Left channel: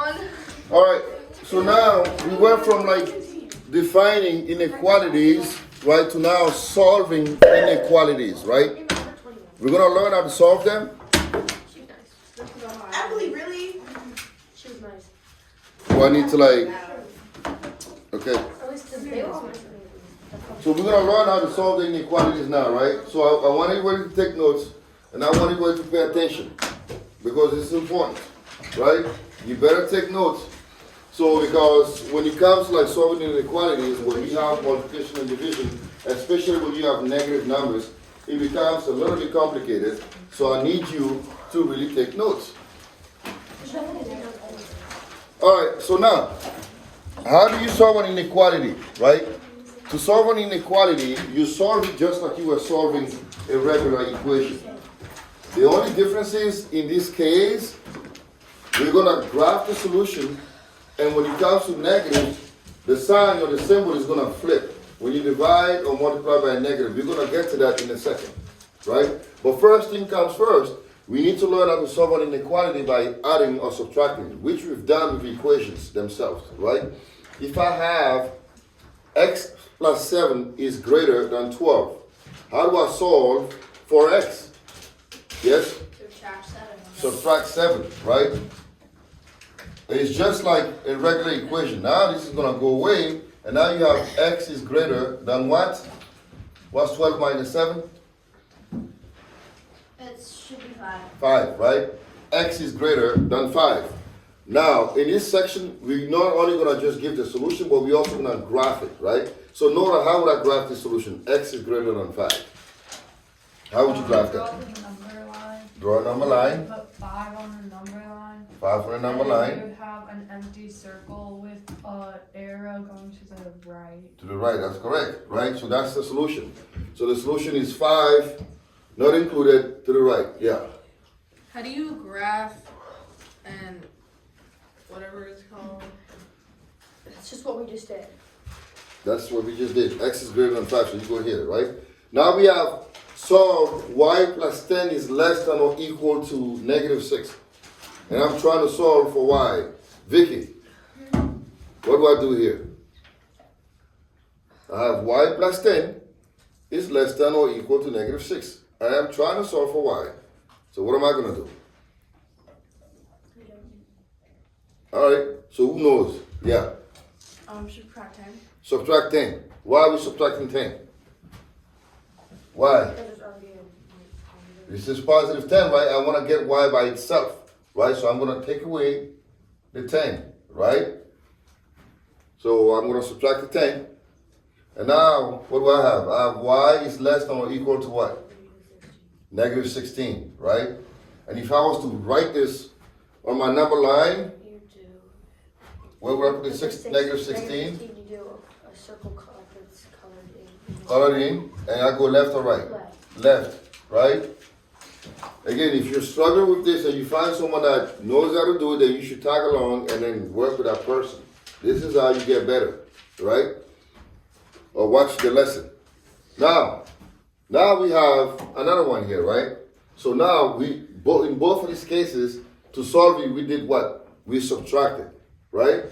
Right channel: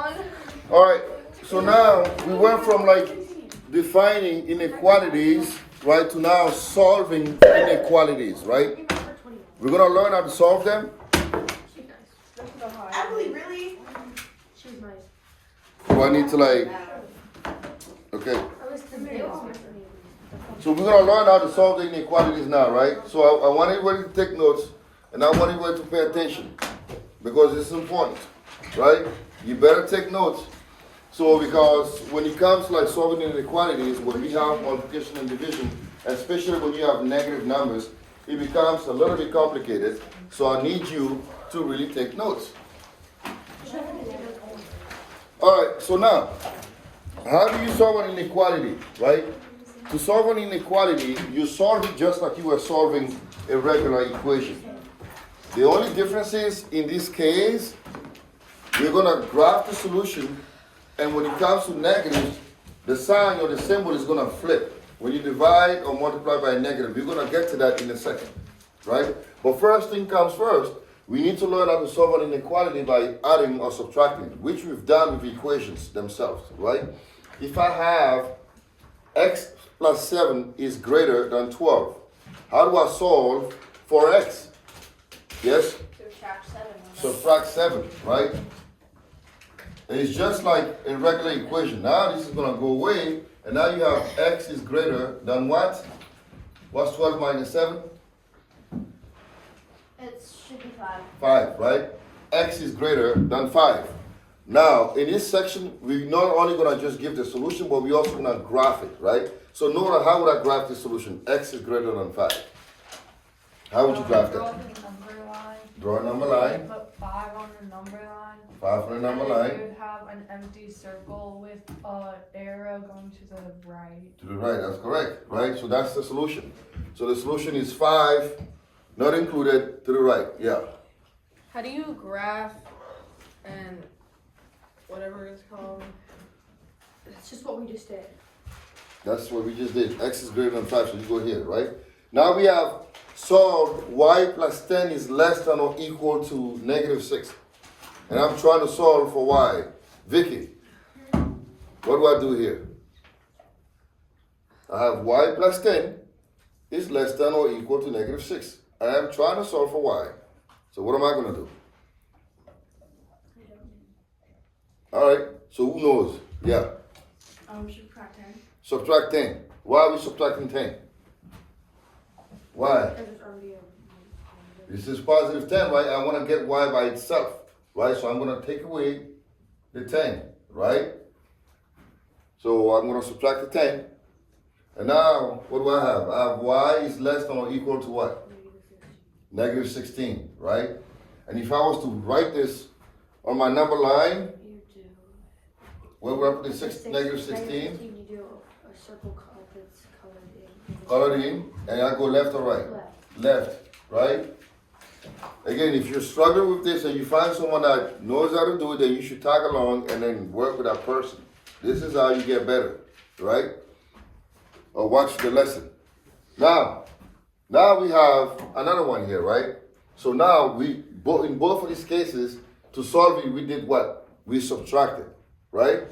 All right, so now we went from like defining inequalities, right, to now solving inequalities, right? We're gonna learn how to solve them. Actually, really? She was nice. Do I need to like, okay. At least they was nice. So we're gonna learn how to solve the inequalities now, right? So I want everybody to take notes, and I want everybody to pay attention because it's important, right? You better take notes. So because when it comes to like solving inequalities, when we have multiplication and division, especially when you have negative numbers, it becomes a little bit complicated. So I need you to really take notes. All right, so now, how do you solve an inequality, right? To solve an inequality, you solve it just like you were solving a regular equation. The only difference is, in this case, we're going to graph the solution, and when it comes to negative, the sign or the symbol is going to flip. When you divide or multiply by a negative, you're going to get to that in a second, right? But first thing comes first, we need to learn how to solve an inequality by adding or subtracting, which we've done with equations themselves, right? If I have x plus 7 is greater than 12, how do I solve for x? Yes? Subtract 7. Subtract 7, right? It's just like a regular equation. Now this is going to go away, and now you have x is greater than what? What's 12 minus 7? It should be 5. 5, right? X is greater than 5. Now, in this section, we're not only going to just give the solution, but we're also going to graph it, right? So note how would I graph the solution? X is greater than 5. How would you graph that? Draw a number line. Put 5 on the number line. 5 on a number line. You have an empty circle with an arrow going to the right. To the right, that's correct, right? So that's the solution. So the solution is 5, not included, to the right, yeah. How do you graph and whatever it's called? It's just what we just did. That's what we just did. X is greater than 5, so you go here, right? Now we have solved y plus 10 is less than or equal to negative 6. And I'm trying to solve for y. Vicky, what do I do here? I have y plus 10 is less than or equal to negative 6. I am trying to solve for y. So what am I going to do? All right, so who knows? Yeah. Subtract 10. Subtract 10. Why are we subtracting 10? Why? Because there's already a. This is positive 10, right? I want to get y by itself, right? So I'm going to take away the 10, right? So I'm going to subtract the 10. And now, what do I have? I have y is less than or equal to what? Negative 16, right? And if I was to write this on my number line, You do. where would I put the negative 16? You do a circle that's colored in. Colored in, and I go left or right? Left. Left, right? Again, if you're struggling with this and you find someone that knows how to do it, then you should tag along and then work with that person. This is how you get better, right? Or watch the lesson. Now we have another one here, right? So now in both of these cases, to solve it, we did what? We subtracted, right?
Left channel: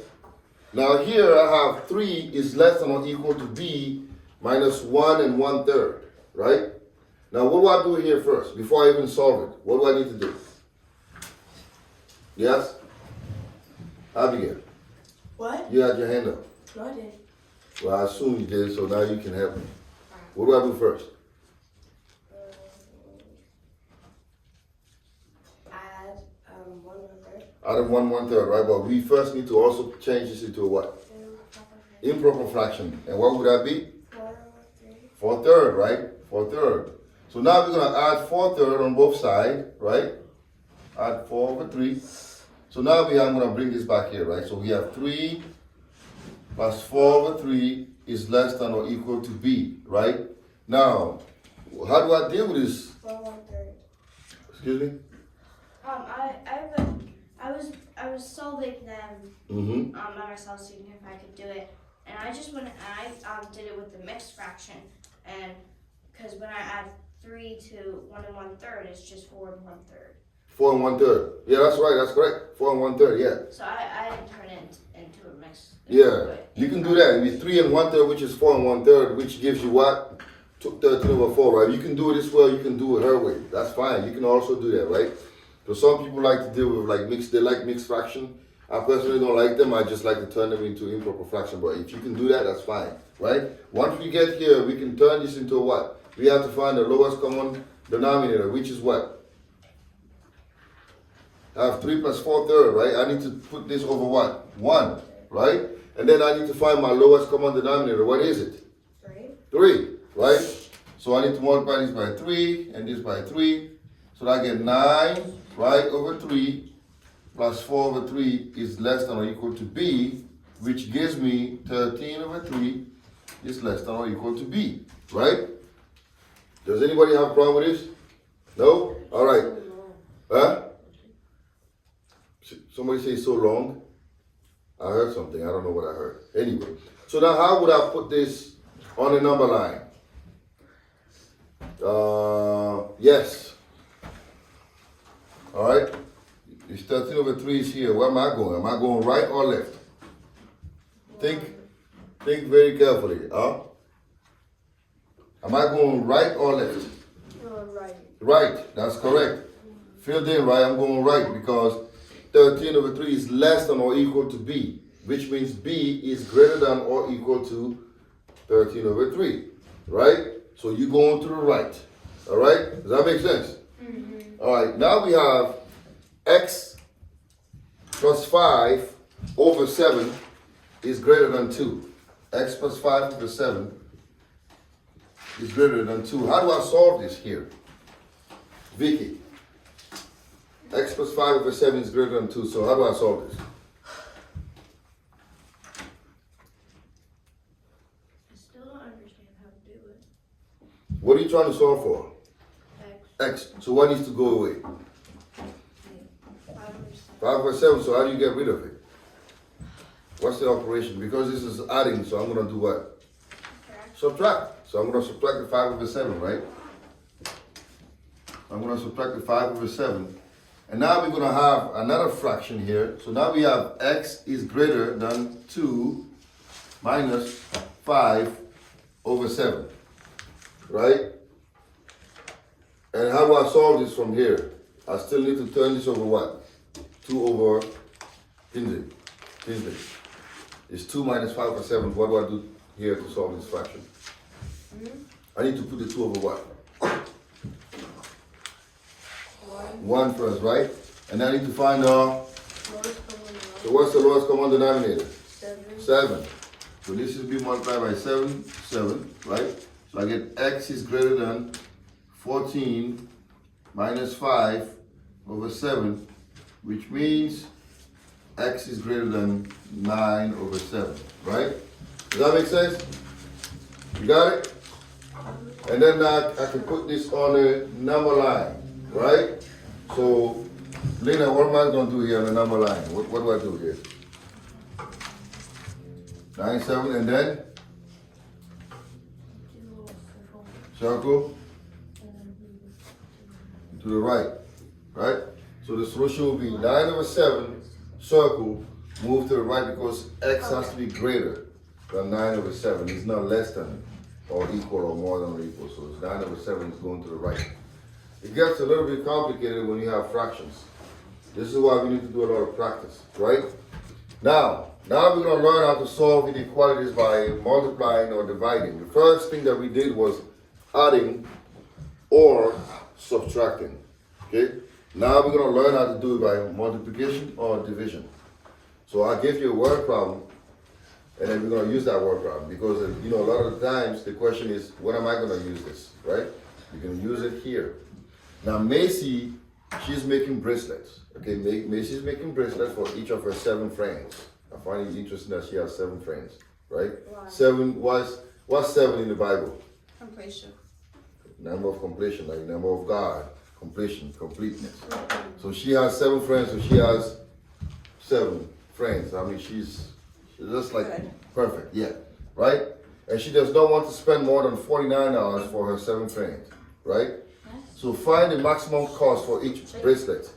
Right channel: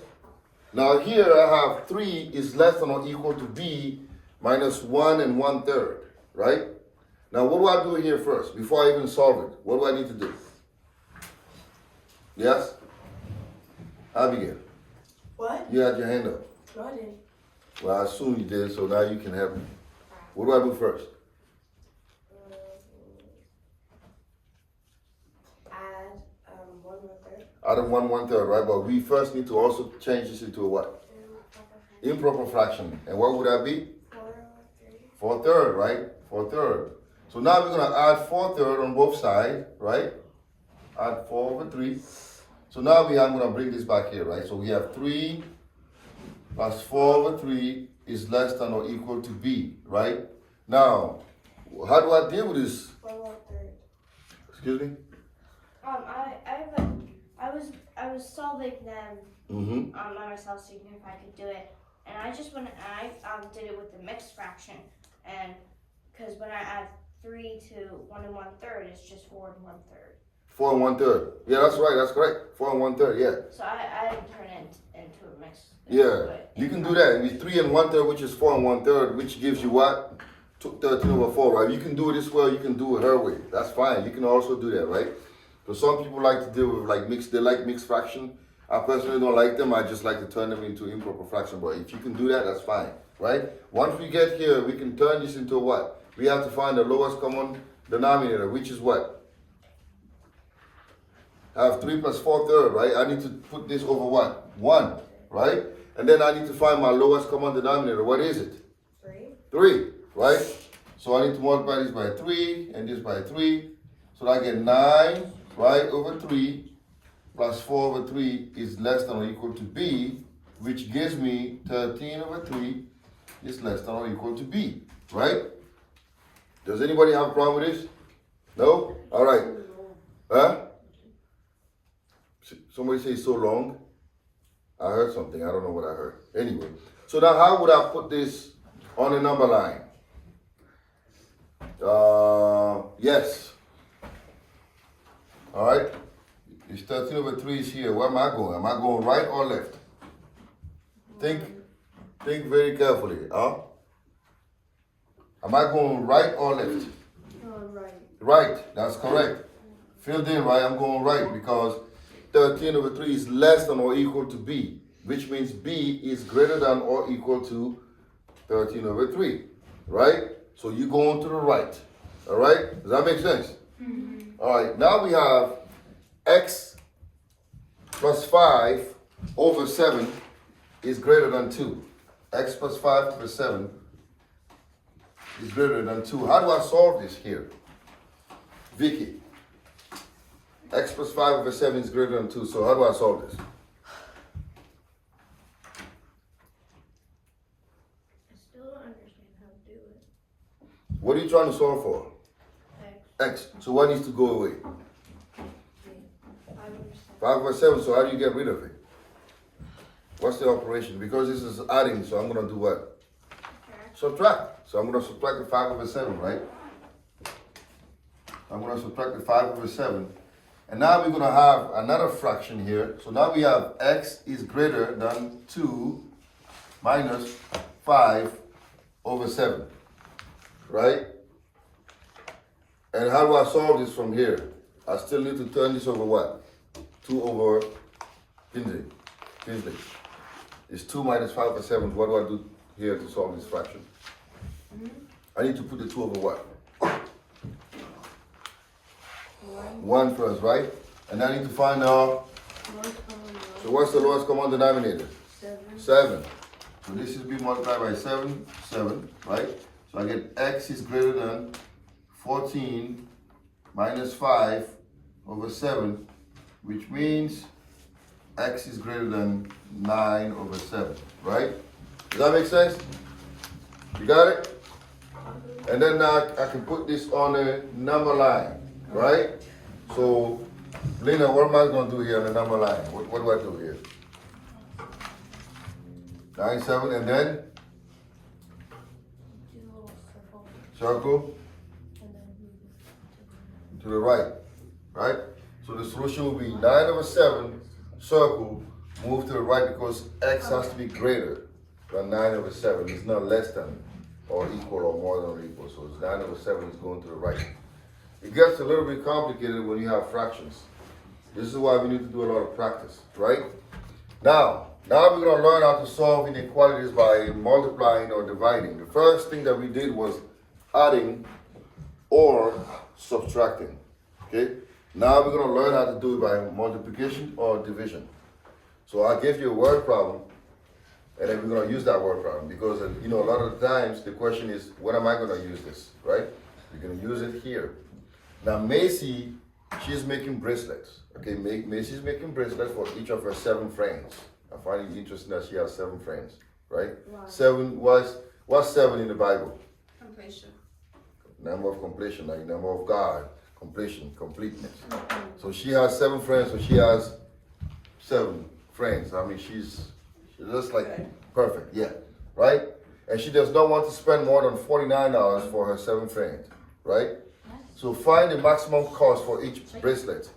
Now here I have 3 is less than or equal to b minus 1 and 1/3, right? Now what do I do here first before I even solve it? What do I need to do? Yes? Abigail, What? you had your hand up. No, I didn't. Well, I assume you did, so now you can help me. What do I do first? Add 1/3. Out of 1/3, right? But we first need to also change this into a what? Improper fraction. And what would that be? 4/3, right? 4/3. So now we're going to add 4/3 on both sides, right? Add 4/3. So now I'm going to bring this back here, right? So we have 3 plus 4/3 is less than or equal to b, right? Now, how do I deal with this? 1/3. Excuse me? I was solving them by myself, seeing if I could do it, and I just went and I did it with the mixed fraction, and because when I add 3 to 1 1/3, it's just 4 1/3. 4 1/3. Yeah, that's right. That's correct. 4 1/3. Yeah. So I didn't turn it into a mix. Yeah. You can do that. It's 3 1/3, which is 4 1/3, which gives you what? 13/4, right? You can do it this way. You can do it her way. That's fine. You can also do that, right? So some people like to deal with like mixed. They like mixed fraction. I personally don't like them. I just like to turn them into improper fraction. But if you can do that, that's fine, right? Once we get here, we can turn this into what? We have to find the lowest common denominator, which is what? I have 3 plus 4/3, right? I need to put this over what? 1, right? And then I need to find my lowest common denominator. What is it? 3, right? So I need to multiply this by 3 and this by 3. So I get 9, right, over 3 plus 4 over 3 is less than or equal to B, which gives me 13 over 3 is less than or equal to B, right? Does anybody have a problem with this? No? All right. Huh? Somebody say so long. I heard something. I don't know what I heard. Anyway, so now how would I put this on the number line? Yes. All right. It's 13 over 3 is here. Where am I going? Am I going right or left? Think very carefully. Huh? Am I going right or left? Right. Right. That's correct. Filled in right. I'm going right because 13 over 3 is less than or equal to B, which means B is greater than or equal to 13 over 3, right? So you go on to the right, all right? Does that make sense? Mm-hmm. All right, now we have x plus 5 over 7 is greater than 2. X plus 5 over 7 is greater than 2. How do I solve this here? Vicky. X plus 5 over 7 is greater than 2. So how do I solve this? I still don't understand how to do it. What are you trying to solve for? X. So what needs to go away? 5 over 7. So how do you get rid of it? What's the operation? Because this is adding, so I'm going to do what? Subtract. So I'm going to subtract the 5 over 7, right? I'm going to subtract the 5 over 7. And now we're going to have another fraction here. So now we have x is greater than 2 minus 5 over 7. Right? And how do I solve this from here? I still need to turn this over what? 2 over Kinsley. It's 2 minus 5 over 7. What do I do here to solve this fraction? I need to put the 2 over what? 1 first, right? And I need to find out. So what's the lowest common denominator? 7. So this should be multiplied by 7, right? So I get x is greater than 14 minus 5 over 7, which means x is greater than 9 over 7, right? Does that make sense? You got it? And then I can put this on a number line, right? So, Lena, what am I going to do here on the number line? What do I do here? 9, 7, and then? Circle. To the right, right? So the solution will be 9 over 7, circle, move to the right because x has to be greater than 9 over 7. It's not less than or equal or more than or equal. So it's 9 over 7 is going to the right. It gets a little bit complicated when you have fractions. This is why we need to do a lot of practice, right? Now we're going to learn how to solve inequalities by multiplying or dividing. The first thing that we did was adding or subtracting, okay? Now we're going to learn how to do it by multiplication or division. So I'll give you a word problem, and then we're going to use that word problem because, you know, a lot of the times the question is, when am I going to use this, right? You're going to use it here. Now Macy, she's making bracelets, okay? Macy's making bracelets for each of her 7 friends. I find it interesting that she has 7 friends, right? Wow. 7, what's 7 in the Bible? Completion. Number of completion, like number of God, completion, completeness. So she has 7 friends, so she has 7 friends. I mean, she's just like perfect, yeah, right? And she does not want to spend more than $49 for her 7 friends, right? So find the maximum cost for each bracelet.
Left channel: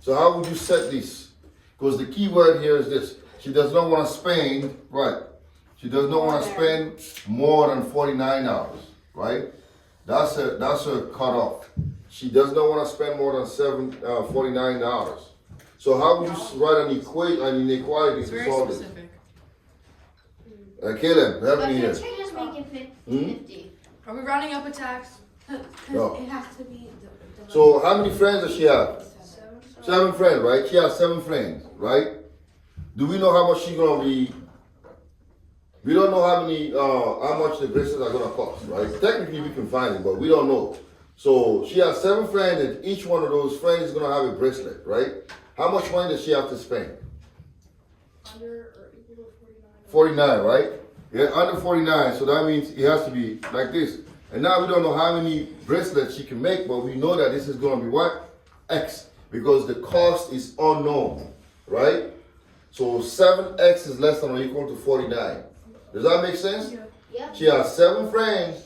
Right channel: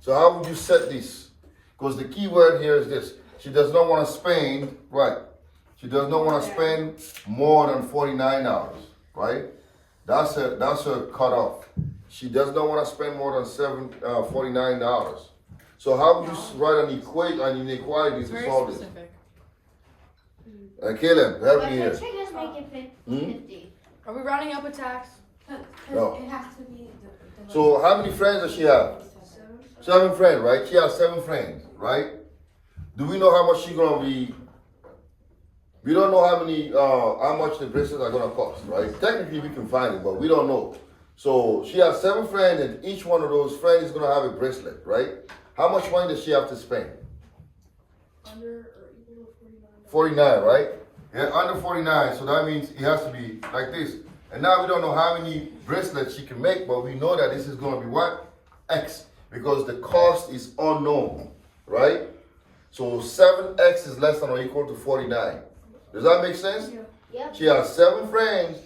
So how would you set this? Because the key word here is this. She does not want to spend, right? She does not want to spend more than $49, right? That's her cutoff. She does not want to spend more than $49. So how would you write an inequality It's to very solve it? specific. Caleb, help But me here. can't you just make it 50? Are we rounding up a tax? No. It has to be. So how many friends does she have? 7 friends, right? She has 7 friends, right? Do we know how much she's gonna be? We don't know how much the bracelets are gonna cost, right? Technically we can find it, but we don't know. So she has 7 friends, and each one of those friends is gonna have a bracelet, right? How much money does she have to spend? Under or equal to 49, right? Yeah, under 49, so that means it has to be like this. And now we don't know how many bracelets she can make, but we know that this is gonna be what? X, because the cost is unknown, right? So 7x is less than or equal to 49. Does that make sense? Yeah. She has 7 friends,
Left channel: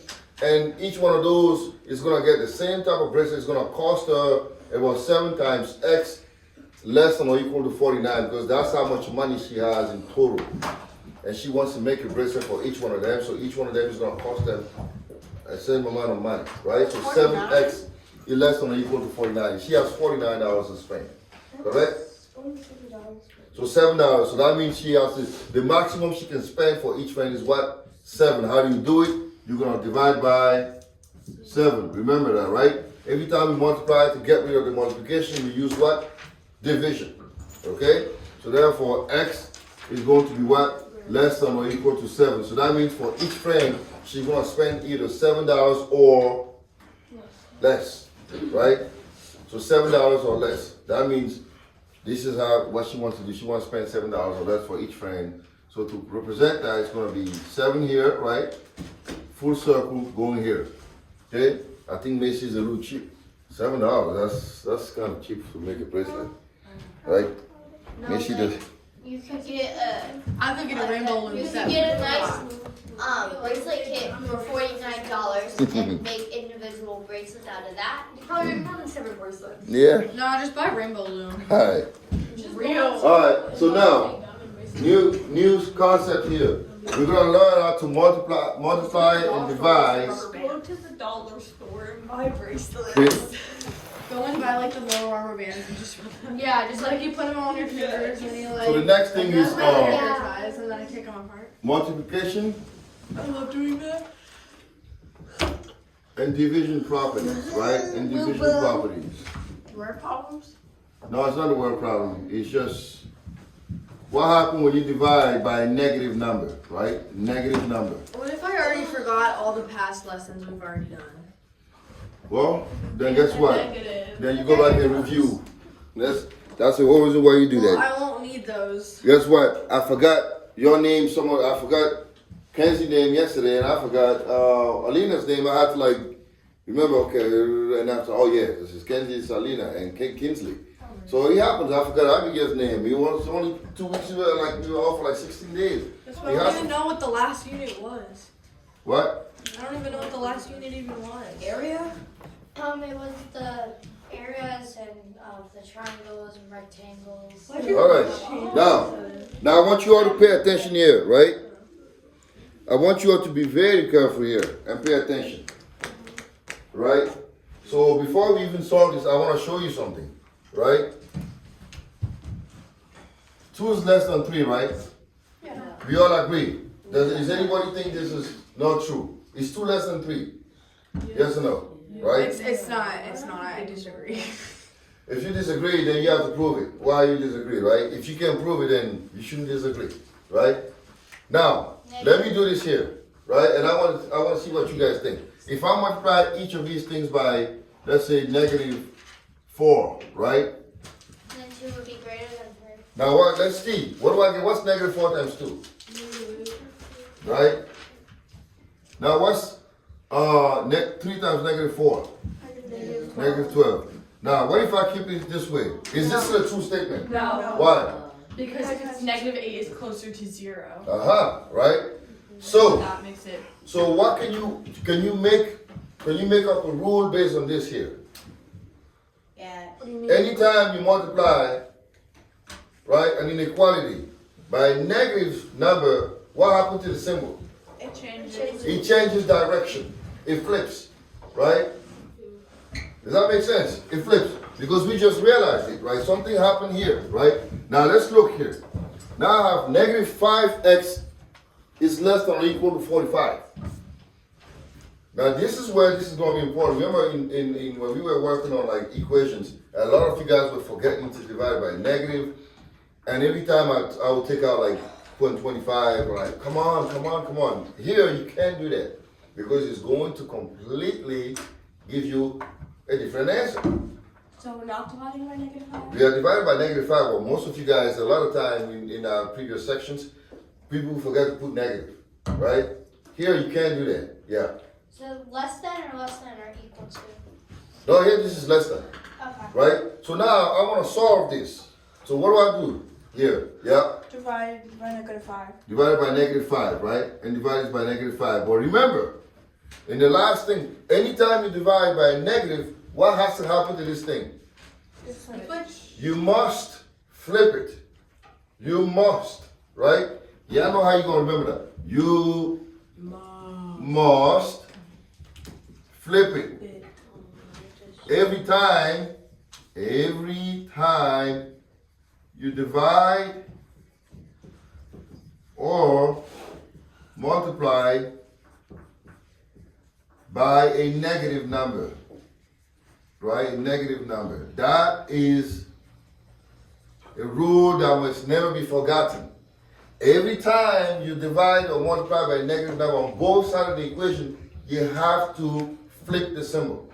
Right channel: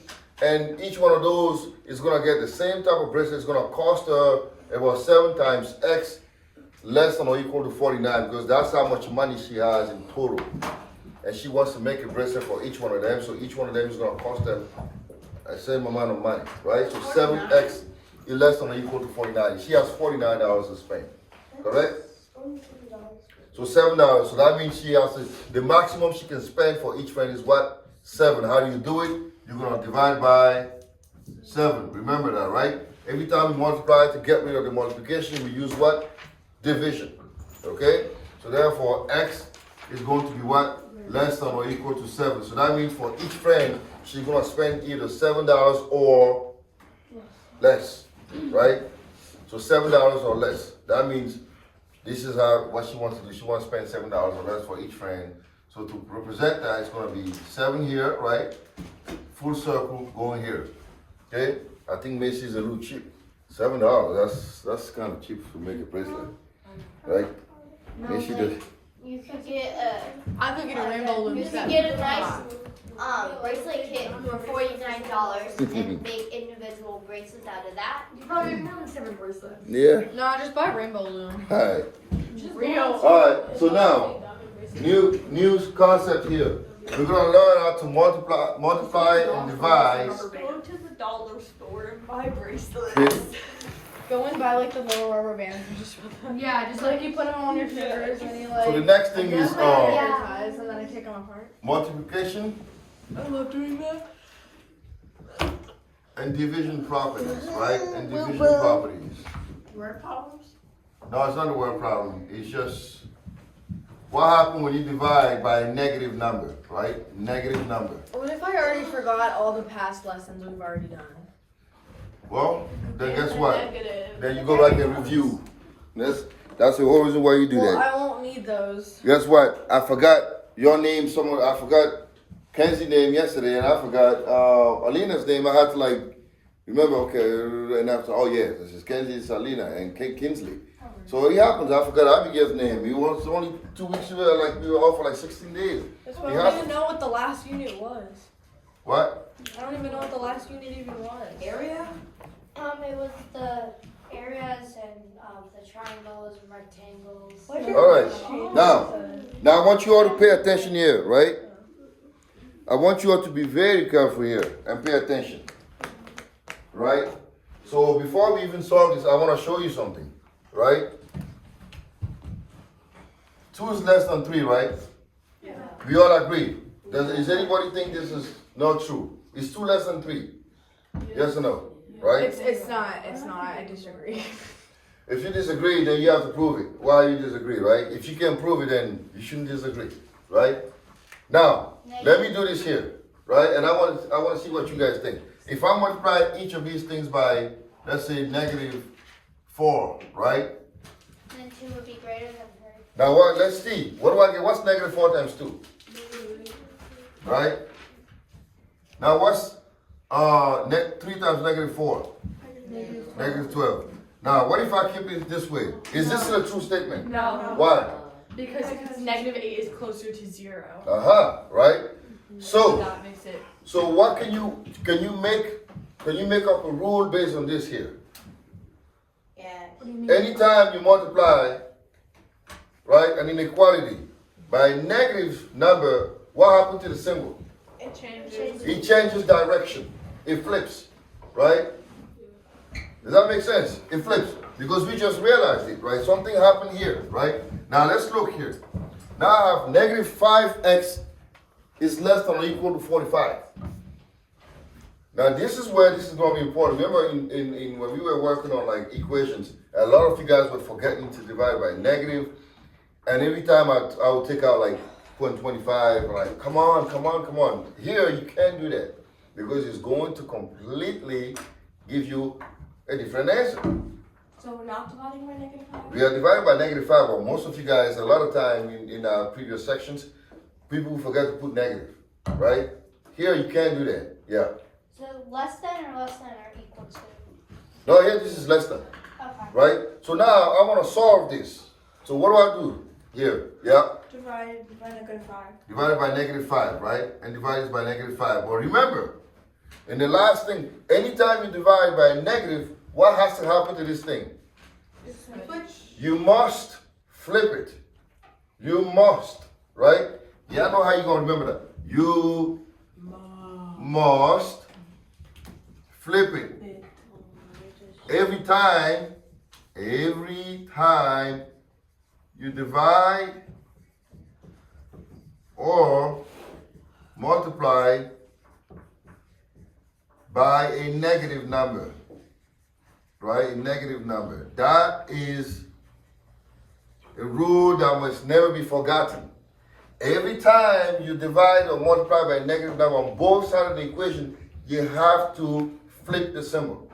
and each one of those is gonna get the same type of bracelet. It's gonna cost her about 7 times x less than or equal to 49, because that's how much money she has in total. And she wants to make a bracelet for each one of them, so each one of them is gonna cost them a same amount of money, right? So 7x is less than or equal to 49. She has $49 to spend, correct? So $7. So that means she has the maximum she can spend for each friend is what? 7. How do you do it? You're gonna divide by 7. Remember that, right? Every time you multiply to get rid of the multiplication, we use what? Division. Okay? So therefore, x is going to be what? Less than or equal to 7. So that means for each friend, she's gonna spend either $7 or less, right? So $7 or less. That means this is what she wants to do. She wants to spend $7 or less for each friend. So to represent that, it's going to be 7 here, right? Full circle going here. Okay? I think Macy's a little cheap. $7. That's kind of cheap to make a bracelet, right? No, Macy like, does. you could get I'm thinking a rainbow loom you set. could get a nice bracelet kit for $49 and make individual bracelets out of that. You probably make more than 7 bracelets. Yeah. No, just buy rainbow loom. All right. Real. All right. So now, new concept here. We're gonna learn how to multiply and divide. Go to the dollar store and buy bracelets. Okay? Go and buy like the little rubber bands and just just like you put them on your fingers and you like. So the next thing is put them on your ties and then I take them apart. multiplication I love doing that. and division properties, right? And division properties. Word problems? No, it's not a word problem. It's just what happens when you divide by a negative number, right? Negative number. What if I already forgot all the past lessons we've already done? Well, then guess what? Negative. Then you go back and review. That's the whole reason why you do Well, that. I won't need those. Guess what? I forgot your name. I forgot Kenzie's name yesterday, and I forgot Alina's name. I had to remember. Okay, and after, oh yeah, this is Kenzie, Alina, and Kinsley. So it happens. I forgot Abigail's name. It was only 2 weeks ago. We were off for 16 days. That's why I don't even know what the last unit was. What? I don't even know what the last unit even was. Area? It was the areas and the triangles and rectangles. All right. Now I want you all to pay attention here, right? I want you all to be very careful here and pay attention, right? So before we even solve this, I want to show you something, right? 2 is less than 3, right? Yeah. We all agree. Does anybody think this is not true? Is 2 less than 3? Yes or no? Right? It's not. I disagree. If you disagree, then you have to prove it. Why you disagree, right? If you can't prove it, then you shouldn't disagree, right? Now, let me do this here, right? And I want to see what you guys think. If I multiply each of these things by, let's say, -4, right? Then 2 would be greater than 3. Now what? Let's see. What do I get? What's -4 times 2? Right? Now what's 3 times -4? -12. Now what if I keep it this way? Is this a true statement? No. Why? Because if it's -8 is closer to 0. Right? So That makes it. what can you make can you make up a rule based on this here? Yeah. What do you mean? Anytime you multiply, right, an inequality by a negative number, what happens to the symbol? It changes. It changes direction. It flips, right? Does that make sense? It flips. Because we just realized it, right? Something happened here, right? Now let's look here. Now I have negative 5x is less than or equal to 45. Now this is where this is going to be important. Remember in when we were working on like equations, a lot of you guys were forgetting to divide by negative. And every time I would take out like 0.25, like, come on. Here you can't do that because it's going to completely give you a different answer. So we're not dividing by negative 5? We are divided by negative 5, but most of you guys, a lot of time in our previous sections, people forget to put negative, right? Here you can't do that, yeah. So less than or equal to? No, here this is less than, Okay. right? So now I want to solve this. So what do I do? Here, yeah. Divided by negative 5. Divided by negative 5, right? And divided by negative 5. But remember, in the last thing, anytime you divide by a negative, what has to happen to this thing? You must flip it. You must, right? Yeah, I know how you're going to remember that. You must flip it. Every time you divide or multiply by a negative number, right? A negative number. That is a rule that must never be forgotten. Every time you divide or multiply by a negative number on both sides of the equation, you have to flip the symbol.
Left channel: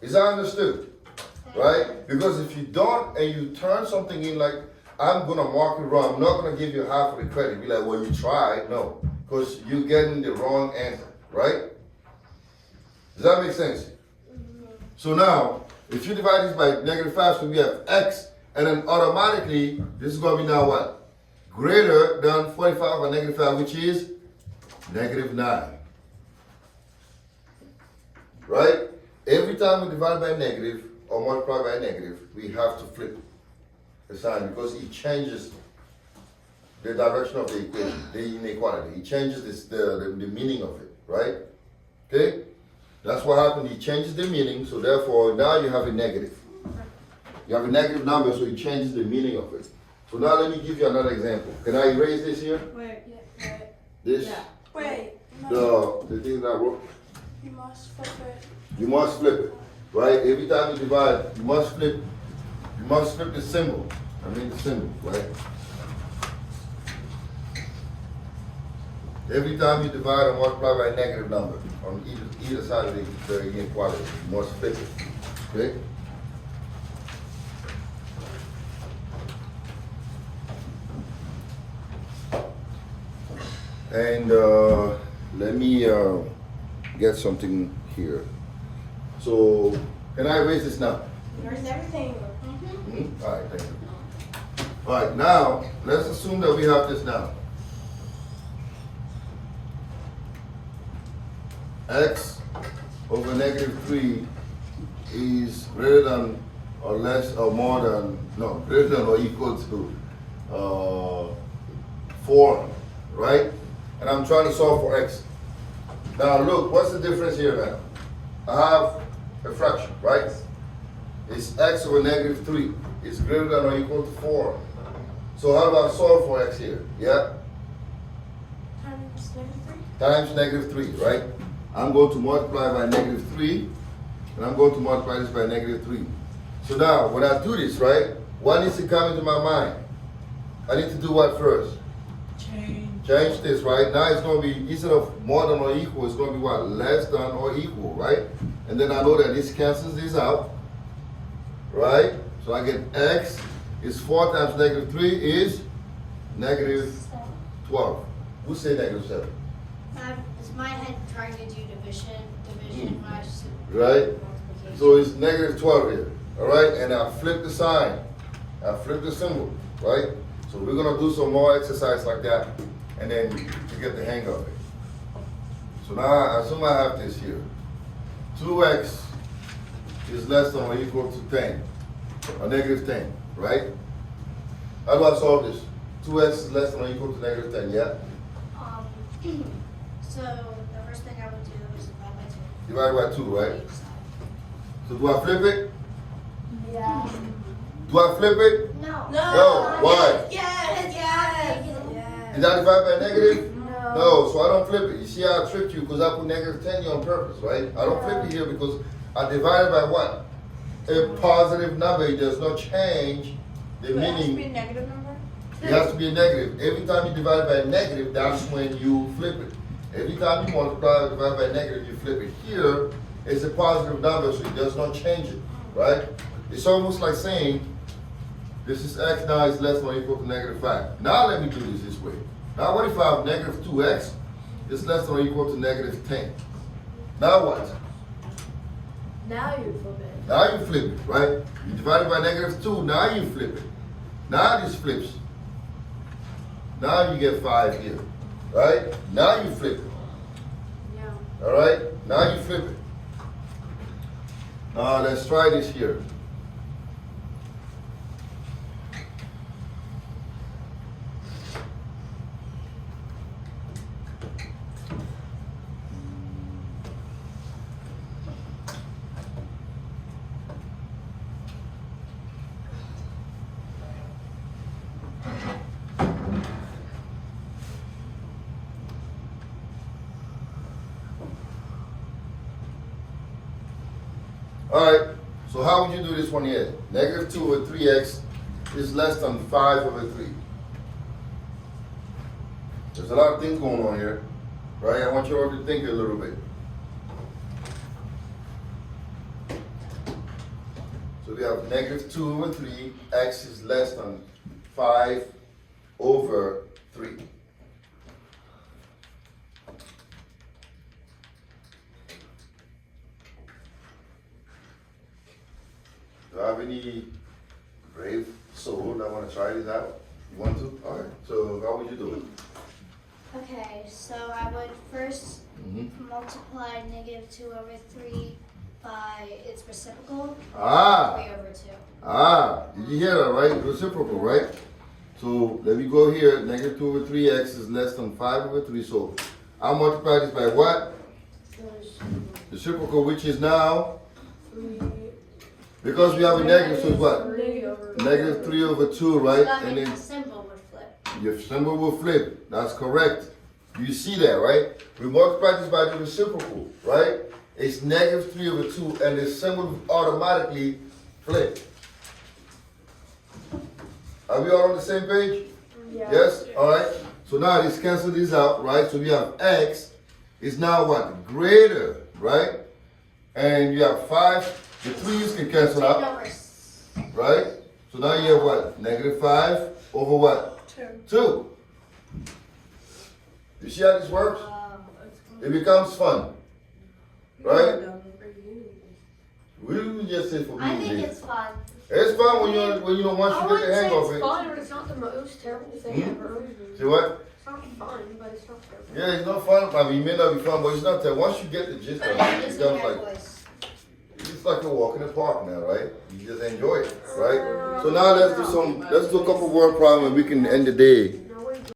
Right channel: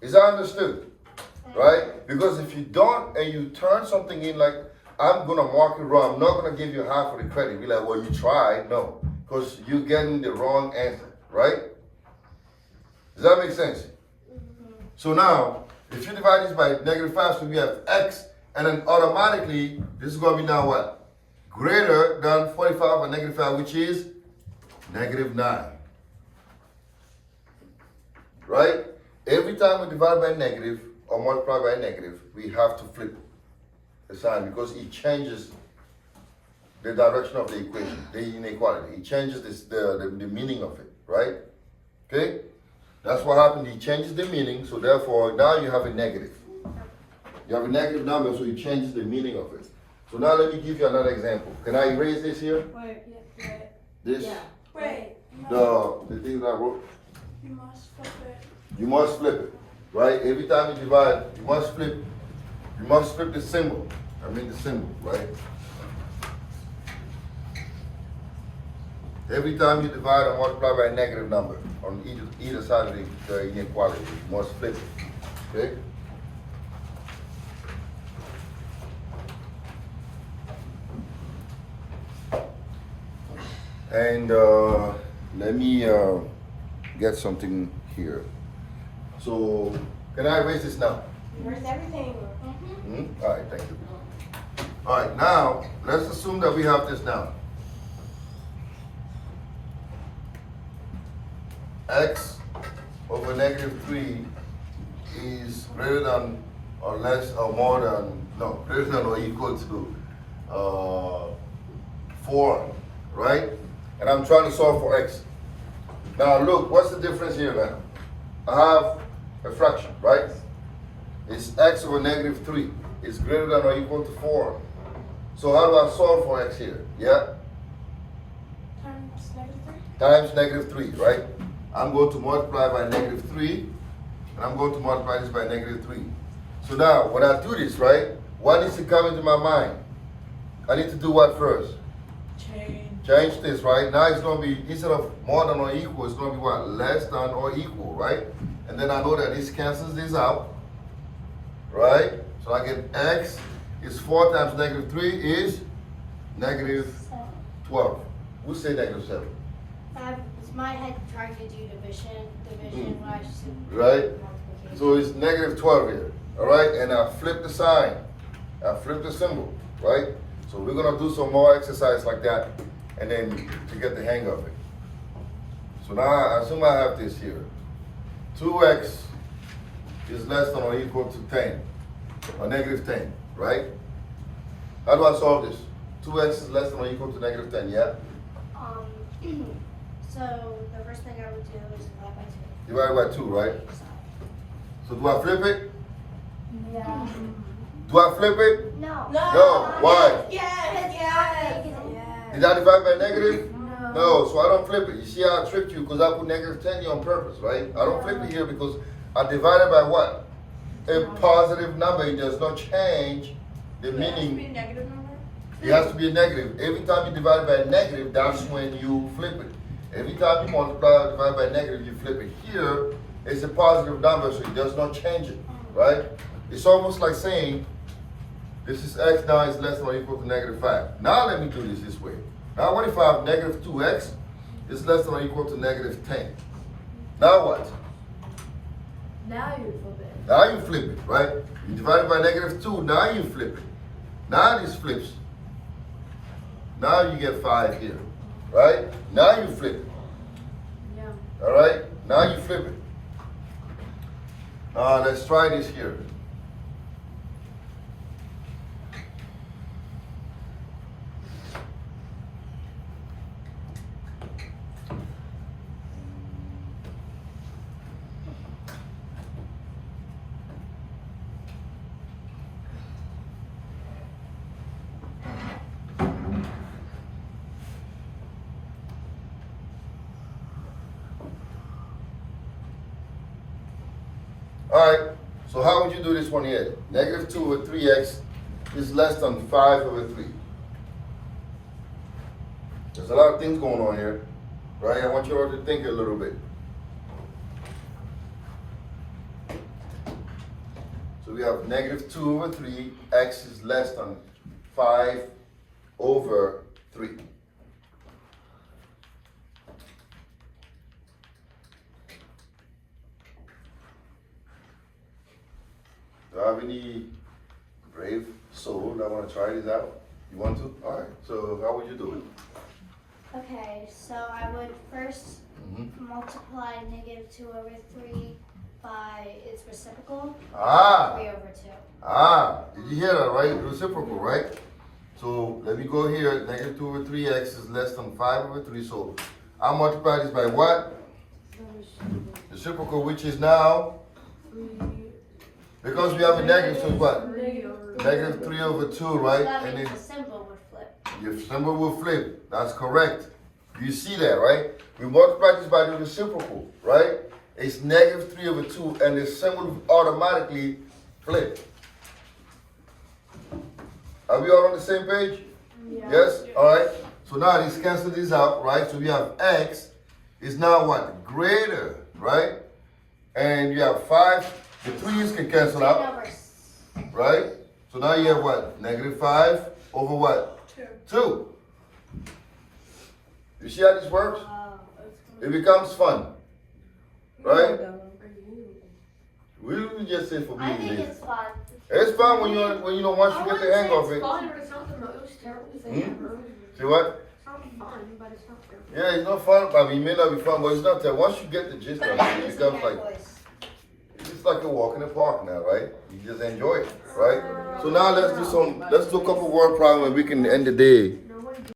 Is that understood? Right? Because if you don't and you turn something in like, I'm going to mark it wrong, I'm not going to give you half of the credit. Be like, well, you tried. No. Because you're getting the wrong answer. Right? Does that make sense? So now, if you divide this by negative 5, so we have x, and then automatically, this is going to be now what? Greater than 45 by negative 5, which is negative 9. Right? Every time we divide by negative or multiply by negative, we have to flip the sign because it changes the direction of the equation, the inequality. It changes the meaning of it, right? Okay? That's what happened. It changes the meaning, so therefore now you have a negative. You have a negative number, so it changes the meaning of it. So now let me give you another example. Can I erase this here? Wait. This? Yeah. Wait. The thing that I wrote? You must flip it. You must flip it, right? Every time you divide, you must flip the symbol. I mean the symbol, right? Every time you divide or multiply by a negative number on either side of the inequality, you must flip it, okay? And let me get something here. So, can I erase this now? There's everything. All right, thank you. All right, now, let's assume that we have this now. X over negative 3 is greater than or less or more than, no, greater than or equal to 4, right? And I'm trying to solve for X. Now look, what's the difference here, man? I have a fraction, right? It's X over negative 3. It's greater than or equal to 4. So how do I solve for X here? Yeah? Times negative 3? Times negative 3, right? I'm going to multiply by negative 3, and I'm going to multiply this by negative 3. So now, when I do this, right, what needs to come into my mind? I need to do what first? Change this, right? Now it's going to be, instead of more than or equal, it's going to be what? Less than or equal, right? And then I know that this cancels this out, right? So I get X is 4 times negative 3 is negative 12. Who say negative 7? It's my head trying to do division when I just Right? So it's negative 12 here, all right? And I flip the sign. I flip the symbol, right? So we're going to do some more exercise like that, and then to get the hang of it. So now I assume I have this here. 2x is less than or equal to 10, or negative 10, right? How do I solve this? 2x is less than or equal to negative 10, yeah? So the first thing I would do is Divided by 2, right? So do I flip it? Yeah. Do I flip it? No. No. Why? Yes. Yes. Did I divide by negative? No. No, so I don't flip it. You see how I tricked you because I put negative 10 here on purpose, right? I don't flip it here because I divided by what? A positive number. It does not change the It has to be a meaning. negative number? It has to be a negative. Every time you divide by a negative, that's when you flip it. Every time you multiply or divide by a negative, you flip it. Here, it's a positive number, so it does not change it, right? It's almost like saying, this is x now is less than or equal to negative 5. Now let me do this way. Now what if I have negative 2x is less than or equal to negative 10? Now what? Now you flip it. Now you flip it, right? You divide it by negative 2, now you flip it. Now this flips. Now you get 5 here, right? Now you flip it. No. All right? Now you flip it. Let's try this here. All right, so how would you do this one here? Negative 2 over 3x is less than 5 over 3. There's a lot of things going on here, right? I want you all to think a little bit. So we have negative 2 over 3, x is less than 5 over 3. Do I have any brave soul that want to try this out? You want to? All right. So how would you do it? Okay, so I would first multiply negative 2 over 3 by its reciprocal, 3 over 2. Did you hear that, right? Reciprocal, right? So let me go here. Negative 2 over 3x is less than 5 over 3. So I multiply this by what? Reciprocal, which is now? Because we have a negative, so it's what? Negative 3 over 2, right? So that And means then the symbol would flip. your symbol will flip. That's correct. You see that, right? We multiply this by the reciprocal, right? It's negative 3 over 2, and the symbol will automatically flip. Are we all on the same page? Yeah. Yes? All right. So now let's cancel this out, right? So we have x is now what? Greater, right? And you have 5. The 3's can cancel out, right? So now you have what? Negative 5 over what? 2. You see how this works? It becomes fun, right? We didn't just say for me. I think it's fun. It's fun when you know once I you get wouldn't the say hang of it's it. fun, but it's not the most terrible thing ever. See what? It's not fun, but it's not terrible. Yeah, it's not fun. I mean, it may not be fun, but it's not that. Once you get the gist But of it it, it gives me becomes that like voice. it's like a walk in the park now, right? You just enjoy it, right? So now let's do a couple word problem and we can end the day.